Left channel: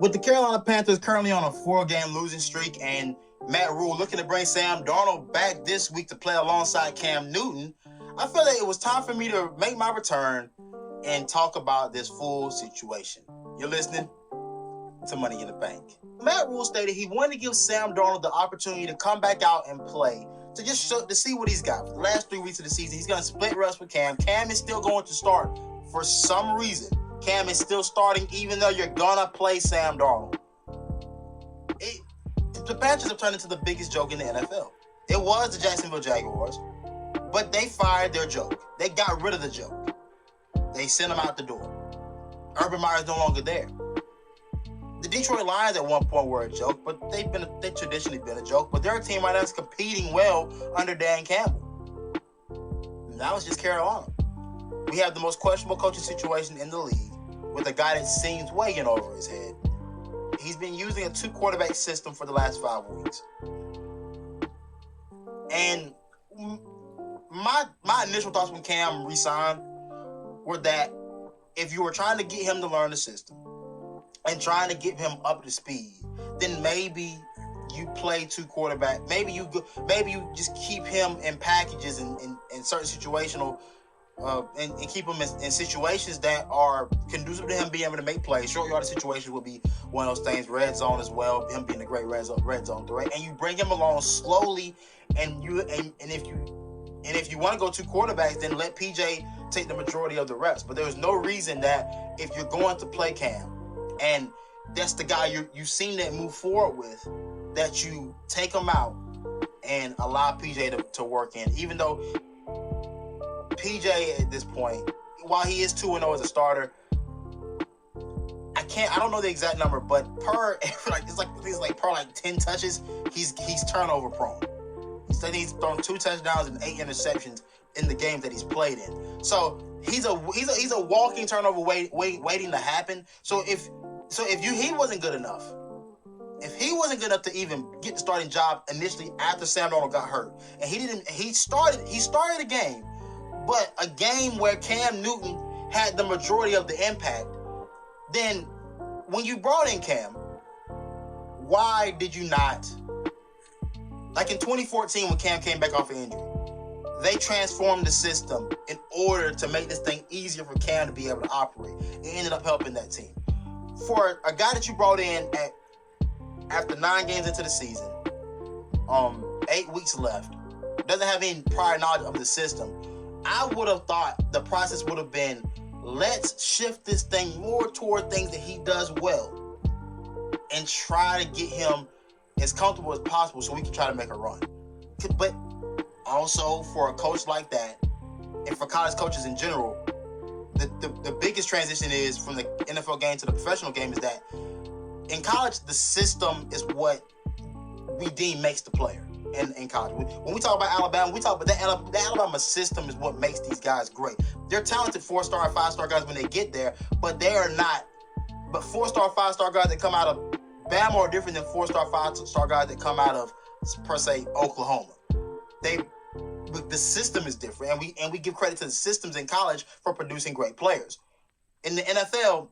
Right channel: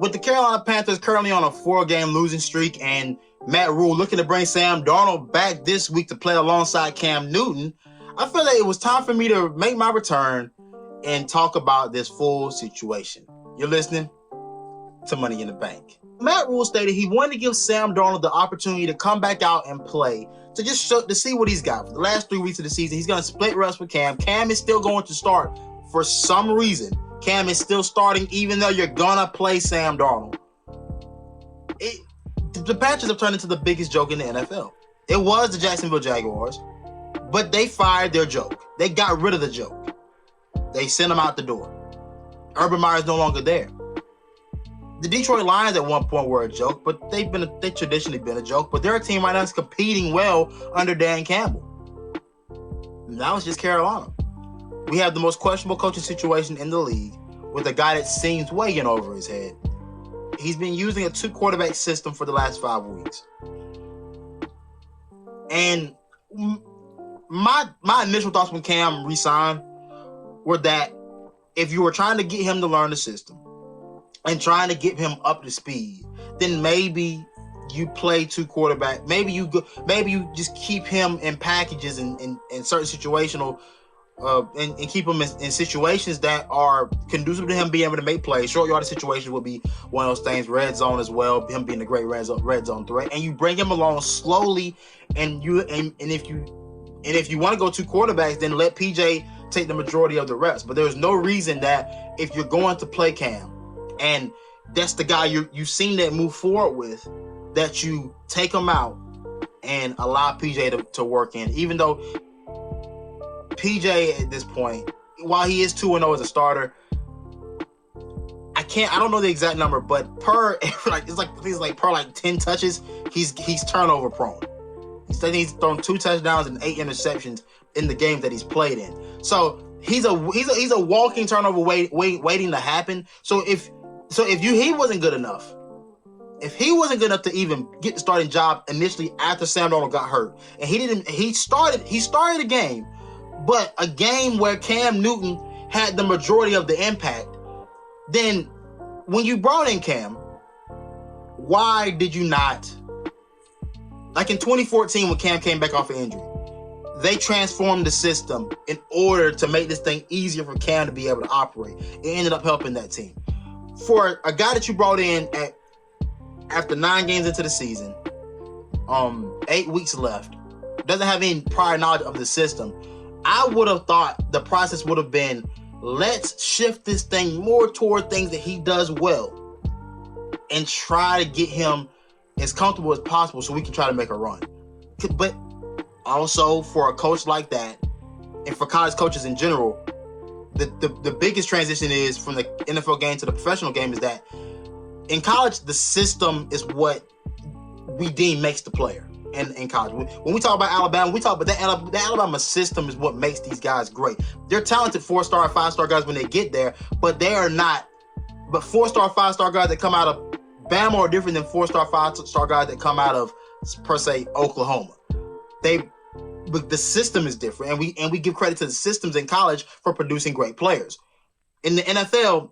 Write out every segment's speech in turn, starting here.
With the Carolina Panthers currently on a 4-game losing streak and Matt Rule looking to bring Sam Darnold back this week to play alongside Cam Newton, I feel that it was time for me to make my return and talk about this full situation. You're listening to Money in the Bank. Matt Rule stated he wanted to give Sam Darnold the opportunity to come back out and play, to see what he's got. For the last 3 weeks of the season, he's going to split reps with Cam. Cam is still going to start for some reason. Cam is still starting even though you're going to play Sam Darnold. The Panthers have turned into the biggest joke in the NFL. It was the Jacksonville Jaguars, but they fired their joke. They got rid of the joke. They sent him out the door. Urban Meyer's no longer there. The Detroit Lions at one point were a joke, but they've traditionally been a joke. But they're a team right now that's competing well under Dan Campbell. Now it's just Carolina. We have the most questionable coaching situation in the league with a guy that seems way in over his head. He's been using a 2-quarterback system for the last 5 weeks. And my initial thoughts when Cam re-signed were that if you were trying to get him to learn the system and trying to get him up to speed, then maybe you play 2 quarterback. Maybe you just keep him in packages in certain situational and keep him in situations that are conducive to him being able to make plays. Short yardage situations would be one of those things. Red zone as well, him being a great red zone threat. And you bring him along slowly, and if you want to go 2 quarterbacks, then let PJ take the majority of the reps. But there's no reason that if you're going to play Cam, and that's the guy you've seen that move forward with, that you take him out and allow PJ to work in. Even though PJ at this point, while he is 2-0 as a starter, I don't know the exact number, but per 10 touches, he's turnover prone. He's thrown 2 touchdowns and 8 interceptions in the games that he's played in. So he's a walking turnover waiting to happen. So if he wasn't good enough, to even get the starting job initially after Sam Darnold got hurt, and he started a game, but a game where Cam Newton had the majority of the impact, then when you brought in Cam, why did you not, like in 2014 when Cam came back off an injury, they transformed the system in order to make this thing easier for Cam to be able to operate. It ended up helping that team. For a guy that you brought in after 9 games into the season, 8 weeks left, doesn't have any prior knowledge of the system, I would have thought the process would have been, let's shift this thing more toward things that he does well and try to get him as comfortable as possible so we can try to make a run. But also for a coach like that, and for college coaches in general, the biggest transition is from the NFL game to the professional game is that in college, the system is what we deem makes the player in college. When we talk about Alabama, we talk about the Alabama system is what makes these guys great. They're talented 4-star and 5-star guys when they get there, but they are not. But 4-star, 5-star guys that come out of Bama are different than 4-star, 5-star guys that come out of, per se, Oklahoma. But the system is different, and we give credit to the systems in college for producing great players. In the NFL,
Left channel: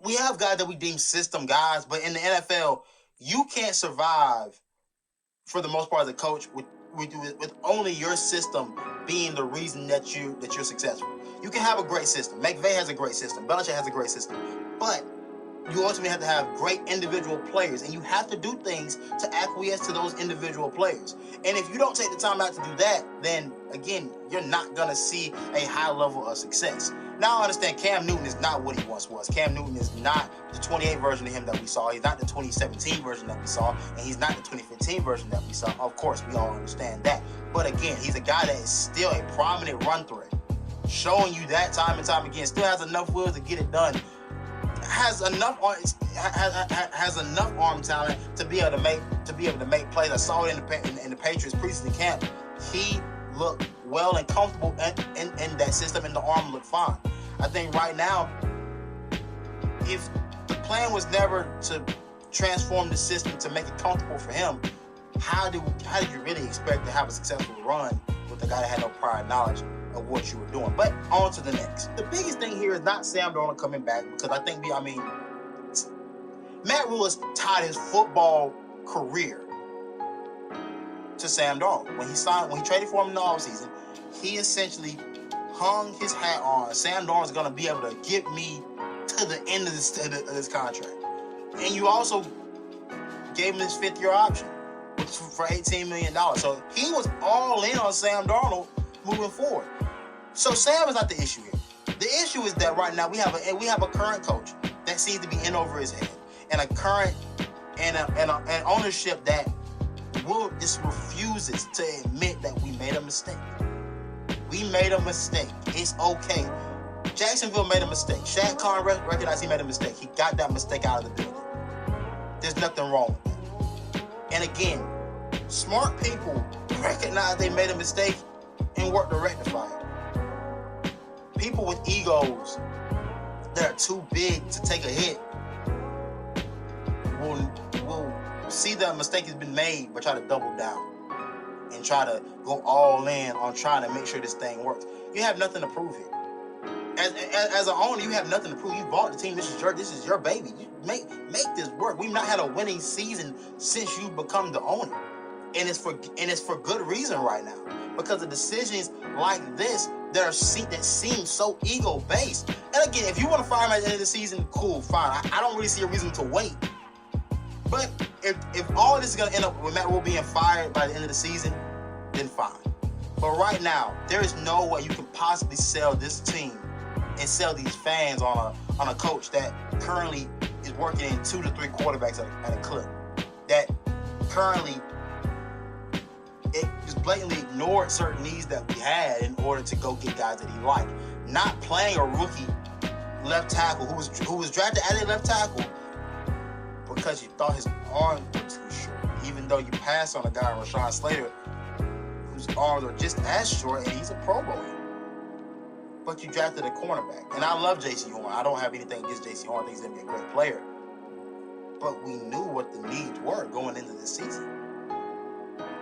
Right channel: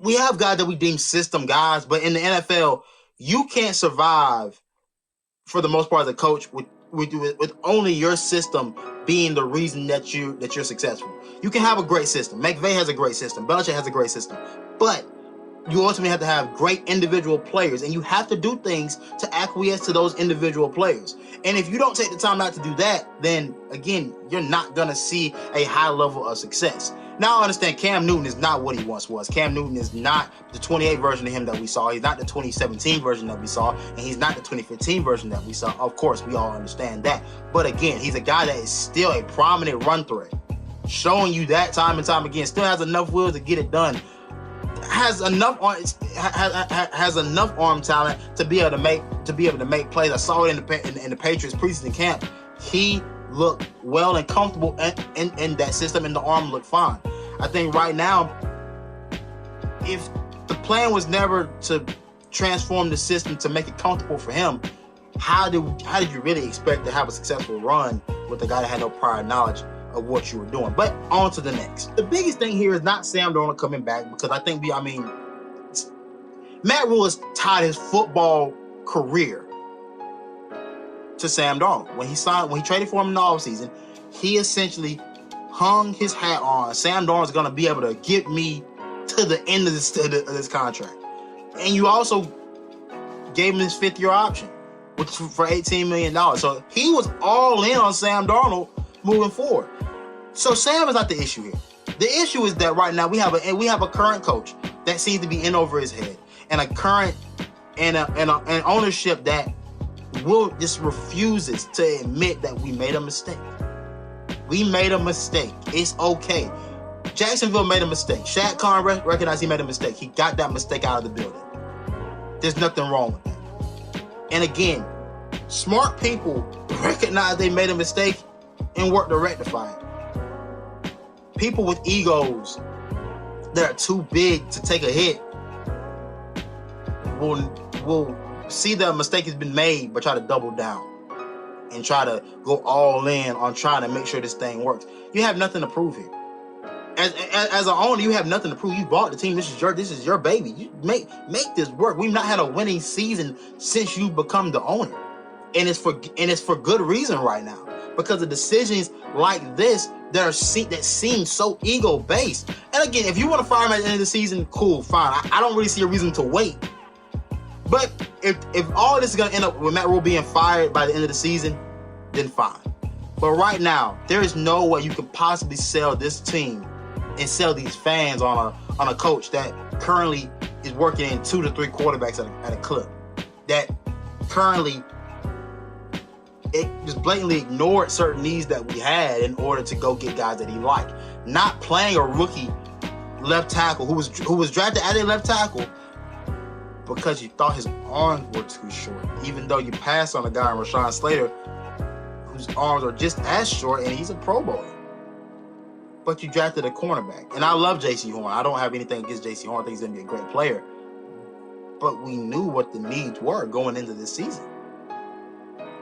we have guys that we deem system guys, but in the NFL, you can't survive for the most part as a coach with only your system being the reason that you're successful. You can have a great system. McVay has a great system. Belichick has a great system, but you ultimately have to have great individual players, and you have to do things to acquiesce to those individual players. And if you don't take the time out to do that, then again, you're not going to see a high level of success. Now I understand Cam Newton is not what he once was. Cam Newton is not the 28 version of him that we saw. He's not the 2017 version that we saw, and he's not the 2015 version that we saw. Of course, we all understand that. But again, he's a guy that is still a prominent run threat, showing you that time and time again. Still has enough wheels to get it done. Has enough arm talent to be able to make plays. I saw it in the Patriots preseason camp. He looked well and comfortable in that system, and the arm looked fine. I think right now, if the plan was never to transform the system to make it comfortable for him, how did you really expect to have a successful run with a guy that had no prior knowledge of what you were doing? But on to the next. The biggest thing here is not Sam Darnold coming back, because I think Matt Rule has tied his football career to Sam Darnold. When he traded for him in the offseason, he essentially hung his hat on Sam Darnold is going to be able to get me to the end of this contract. And you also gave him his 5th-year option, which is for $18 million. So he was all in on Sam Darnold moving forward. So Sam is not the issue here. The issue is that right now we have a current coach that seems to be in over his head, and a current and an ownership that just refuses to admit that we made a mistake. We made a mistake. It's okay. Jacksonville made a mistake. Shad Khan recognized he made a mistake. He got that mistake out of the building. There's nothing wrong with that. And again, smart people recognize they made a mistake and work to rectify it. People with egos that are too big to take a hit will see that a mistake has been made but try to double down and try to go all in on trying to make sure this thing works. You have nothing to prove here. As an owner, you have nothing to prove. You bought the team. This is your baby. You make this work. We've not had a winning season since you've become the owner, and it's for good reason right now, because of decisions like this that seem so ego based. And again, if you want to fire him at the end of the season, cool, fine. I don't really see a reason to wait. But if all this is gonna end up with Matt Rule being fired by the end of the season, then fine. But right now, there is no way you could possibly sell this team and sell these fans on a coach that currently is working in 2 to 3 quarterbacks at a clip. That currently it just blatantly ignored certain needs that we had in order to go get guys that he liked. Not playing a rookie left tackle who was drafted as a left tackle because you thought his arms were too short, even though you passed on a guy in Rashawn Slater whose arms are just as short and he's a Pro Bowler. But you drafted a cornerback. And I love J.C. Horn. I don't have anything against J.C. Horn. I think he's going to be a great player. But we knew what the needs were going into this season.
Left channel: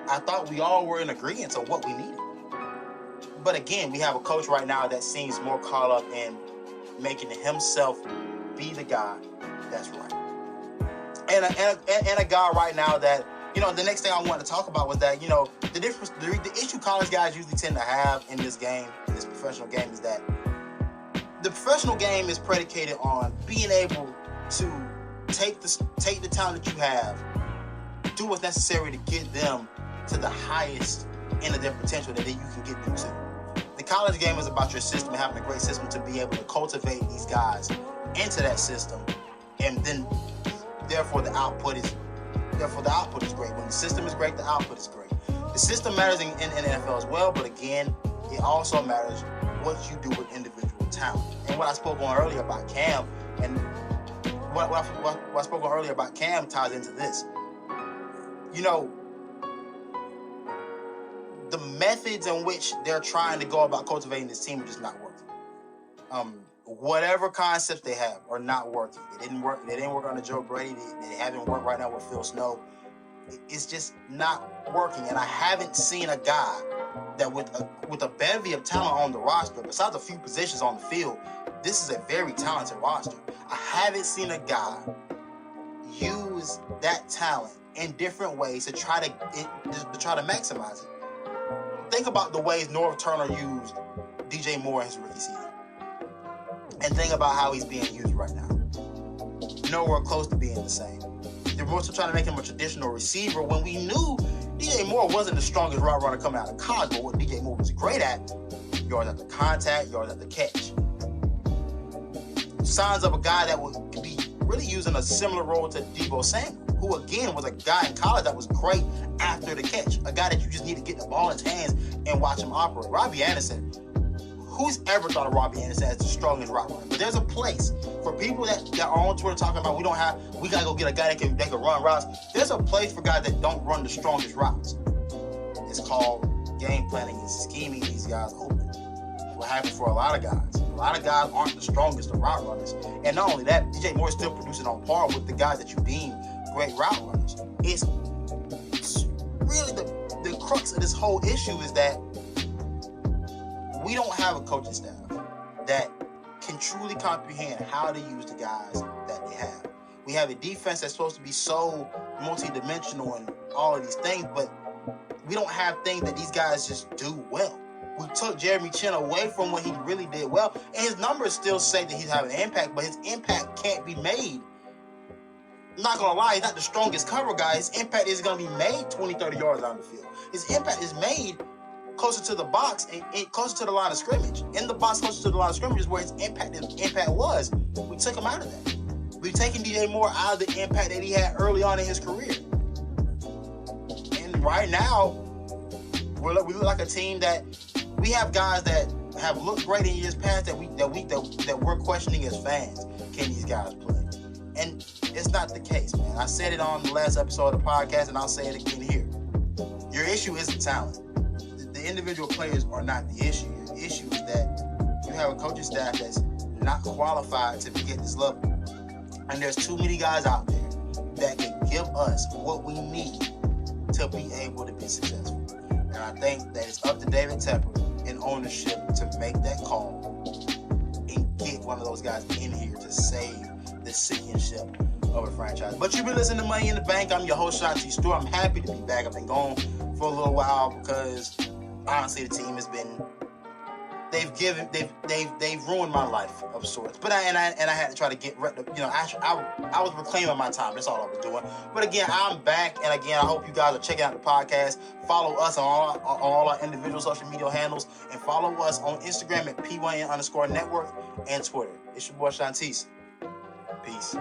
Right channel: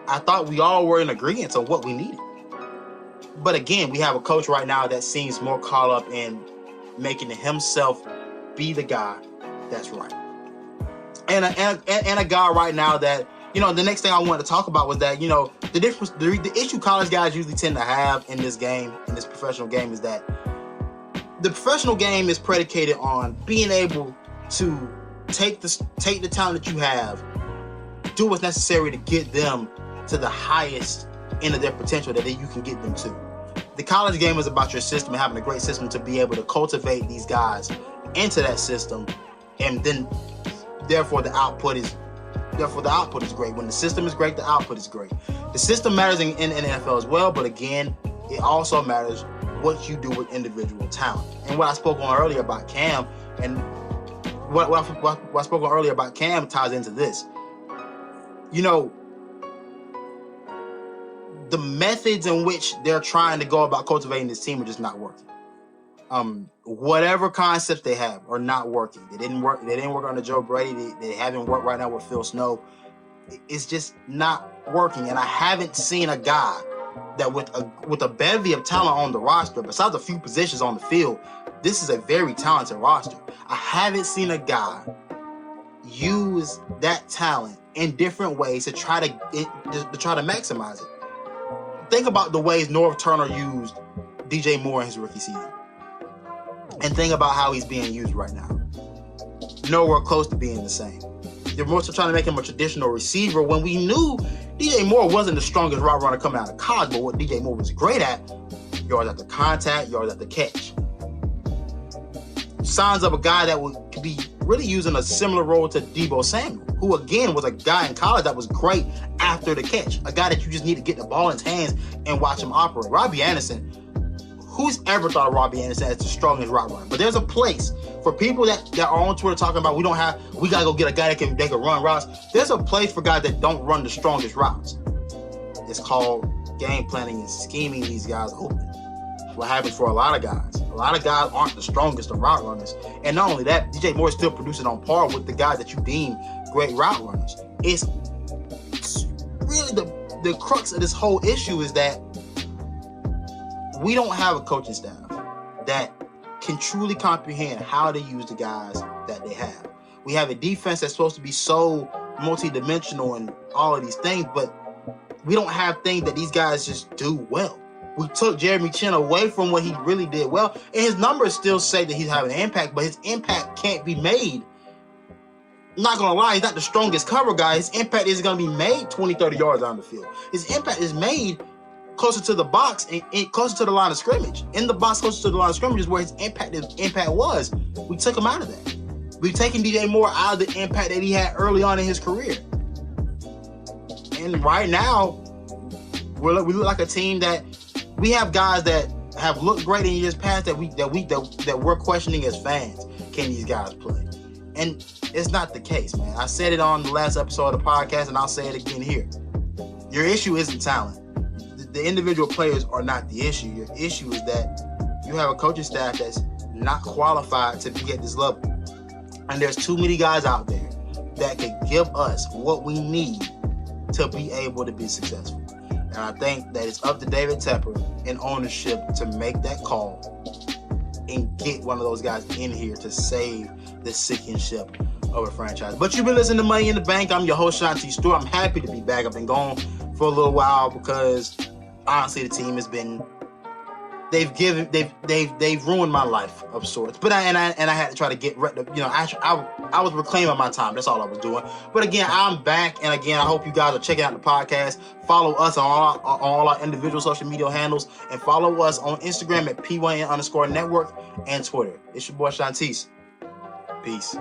I thought we all were in agreement on what we needed. But again, we have a coach right now that seems more caught up in making himself be the guy that's right. And a guy right now that, the next thing I wanted to talk about was that, the issue college guys usually tend to have in this professional game, is that the professional game is predicated on being able to take the talent that you have, do what's necessary to get them to the highest end of their potential that you can get them to. The college game is about your system and having a great system to be able to cultivate these guys into that system, and then therefore the output is great. When the system is great, the output is great. The system matters in the NFL as well, but again, it also matters what you do with individual talent. And what I spoke on earlier about Cam, and what I spoke on earlier about Cam ties into this. The methods in which they're trying to go about cultivating this team are just not working. Whatever concepts they have are not working. They didn't work under Joe Brady. They haven't worked right now with Phil Snow. It's just not working. And I haven't seen a guy that with a bevy of talent on the roster, besides a few positions on the field, this is a very talented roster. I haven't seen a guy use that talent in different ways to try to maximize it. Think about the ways Norv Turner used DJ Moore in his rookie season. And think about how he's being used right now. Nowhere close to being the same. They're more so trying to make him a traditional receiver when we knew DJ Moore wasn't the strongest route runner coming out of college, but what DJ Moore was great at, yards at the contact, yards at the catch. Signs of a guy that would be really using a similar role to Deebo Samuel, who again was a guy in college that was great after the catch. A guy that you just need to get the ball in his hands and watch him operate. Robbie Anderson, who's ever thought of Robbie Anderson as the strongest route runner? But there's a place for people that are on Twitter talking about we gotta go get a guy that can run routes. There's a place for guys that don't run the strongest routes. It's called game planning and scheming these guys open. What happens for a lot of guys. A lot of guys aren't the strongest of route runners. And not only that, DJ Moore is still producing on par with the guys that you deem great route runners. It's really the crux of this whole issue is that we don't have a coaching staff that can truly comprehend how to use the guys that they have. We have a defense that's supposed to be so multi-dimensional and all of these things, but we don't have things that these guys just do well. We took Jeremy Chin away from what he really did well, and his numbers still say that he's having an impact, but his impact can't be made. I'm not gonna lie, he's not the strongest cover guy. His impact is gonna be made 20, 30 yards down the field. His impact is made closer to the box and closer to the line of scrimmage. In the box, closer to the line of scrimmage is where his impact was. We took him out of that. We've taken DJ Moore out of the impact that he had early on in his career. And right now, we look like a team that we have guys that have looked great in years past that we're questioning as fans. Can these guys play? And it's not the case, man. I said it on the last episode of the podcast, and I'll say it again here. Your issue isn't talent. The individual players are not the issue. Your issue is that you have a coaching staff that's not qualified to be at this level. And there's too many guys out there that can give us what we need to be able to be successful. And I think that it's up to David Tepper and ownership to make that call and get one of those guys in here to save the sinking ship of a franchise. But you've been listening to Money in the Bank. I'm your host, Shanti Stewart. I'm happy to be back. I've been gone for a little while because honestly the team has been they've ruined my life of sorts. But I had to try to get I was reclaiming my time. That's all I was doing. But again, I'm back, and again, I hope you guys are checking out the podcast. Follow us on all our individual social media handles, and follow us on Instagram at P1N_network and Twitter. It's your boy Shantice. Peace.